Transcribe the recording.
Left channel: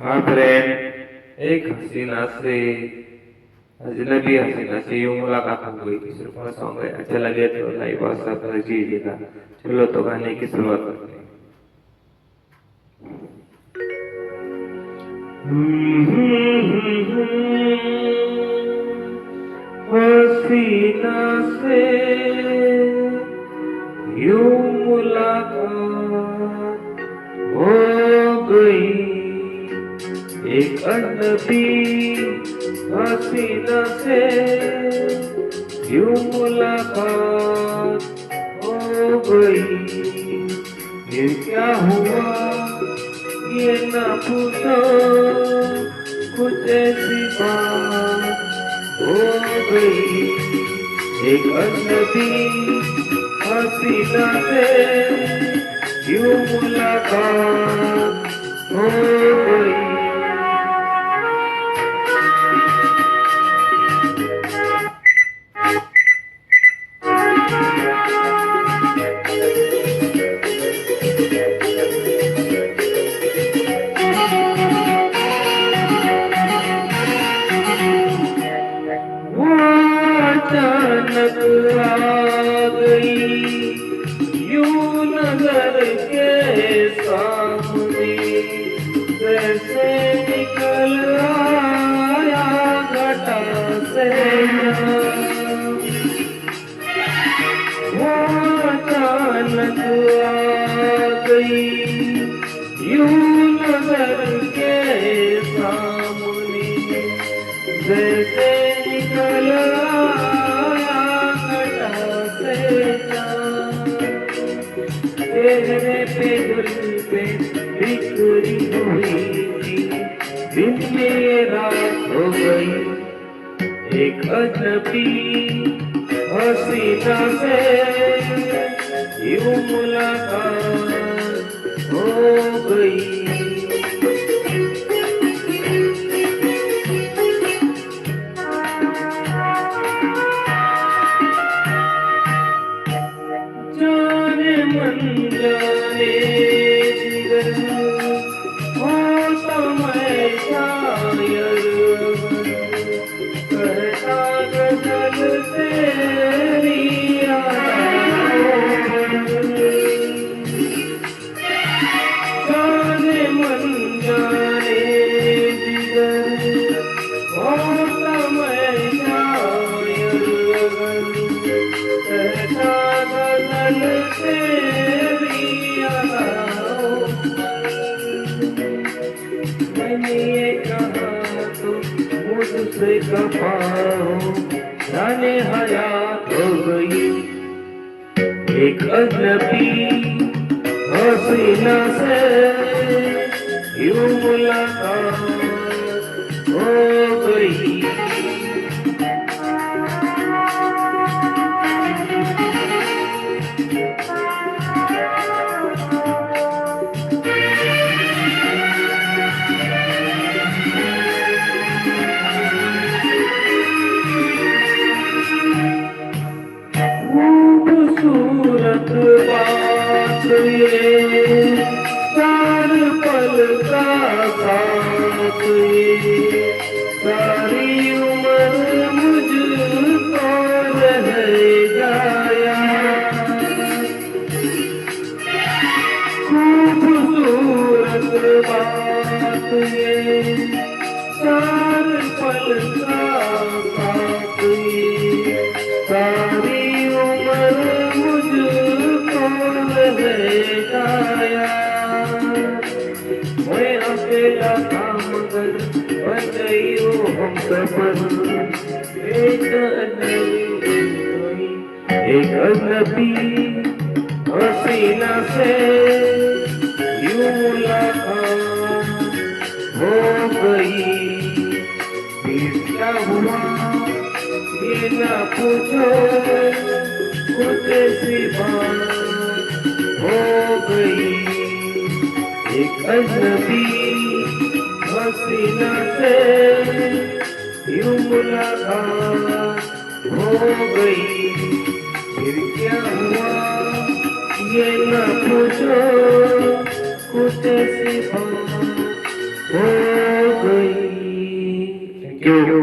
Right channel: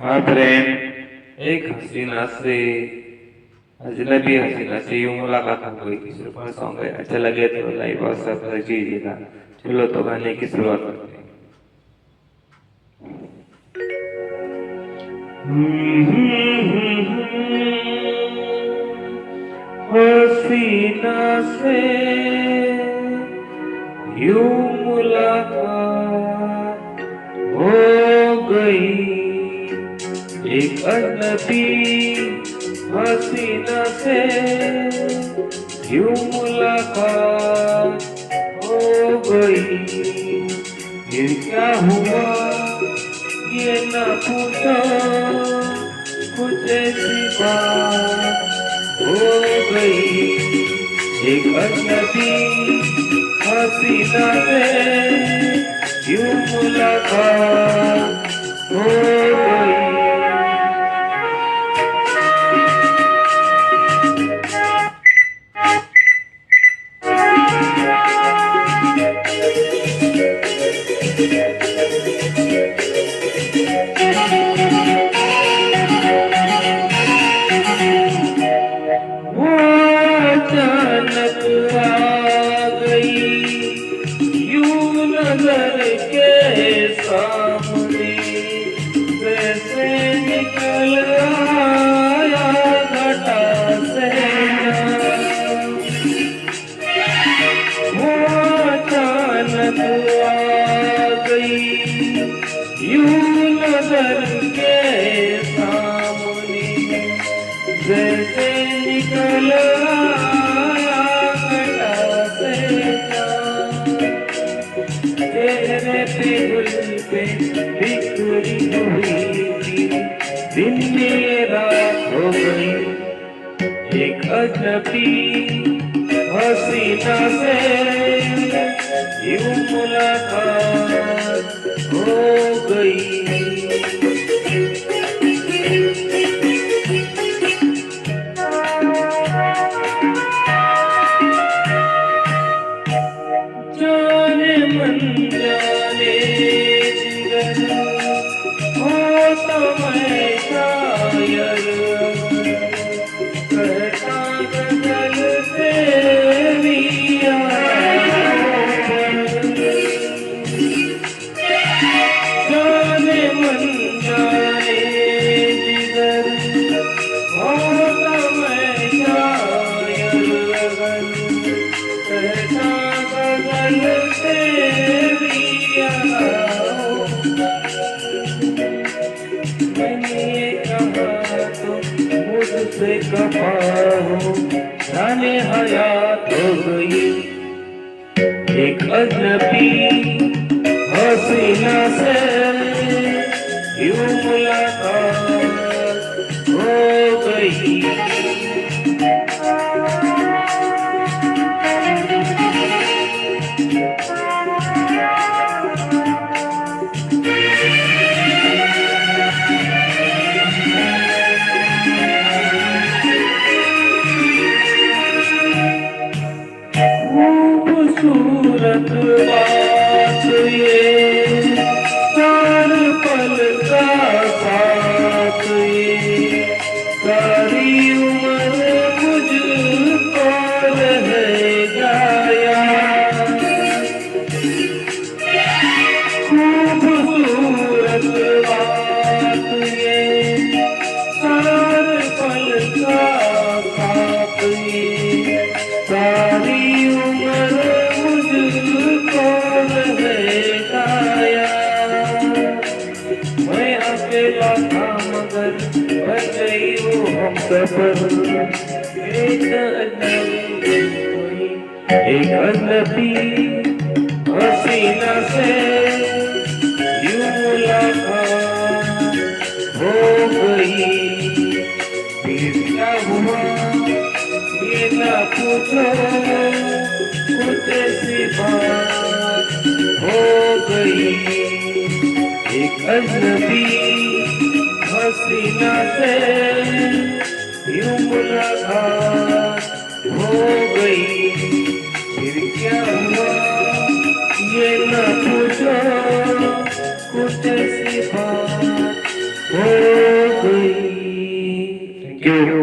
हाँ फ्रेंड, एक हसीना से अजनबी हसीना से यूं मुलाकात हो गई थी। सिर्फ सॉन्ग है, अच्छा लगे तो लाइक और सब्सक्राइब कीजिएगा। चलो तो गाने की शुरुआत करते हैं। हसीना से यूं मुलाकात हो गई, एक अजनबी हसीना से यूं मुलाकात हो गई। ये क्या हुआ ये न पूछो, कुछ ऐसी बात हो गई। एक अजनबी हसीना से यूं मुलाकात हो गई। वो अचानक आ गई यूं नजर के सामने, जैसे निकल आया घटा से जान। वो अचानक आ गई यूं नजर के सामने, जैसे निकल आया घटा से जान। चेहरे पे गुल के बिखरी हुई थी, दिन में ये रात हो गई। एक अजनबी हसीना से यूं मुलाकात हो गई। जाने मन जाने जिगर हो तो मैं शायर, करता गजल तेरी यादों पर। जाने मन जाने जिगर हो तो मैं शायर, करता गजल तेरी यादों पर। मैंने ये कहा तो मुझसे कहा हो, जाने हयात हो गई। एक अजनबी हसीना से यूं मुलाकात हो गई। खूबसूरत बात ये, चार पल का साथ ये, सारी उम्र मुझको रह जाया। खूबसूरत बात ये, चार पल का साथ ये, सारी उम्र मुझको रह जाया। मैं अकेला था मगर बन गई वो हमसफर। एक अजनबी हसीना से यूं मुलाकात हो गई। फिर क्या हुआ ये ना पूछो, कुछ ऐसी बात हो गई। एक अजनबी हसीना से यूं मुलाकात हो गई। फिर क्या हुआ ये ना पूछो, कुछ ऐसी बात हो यू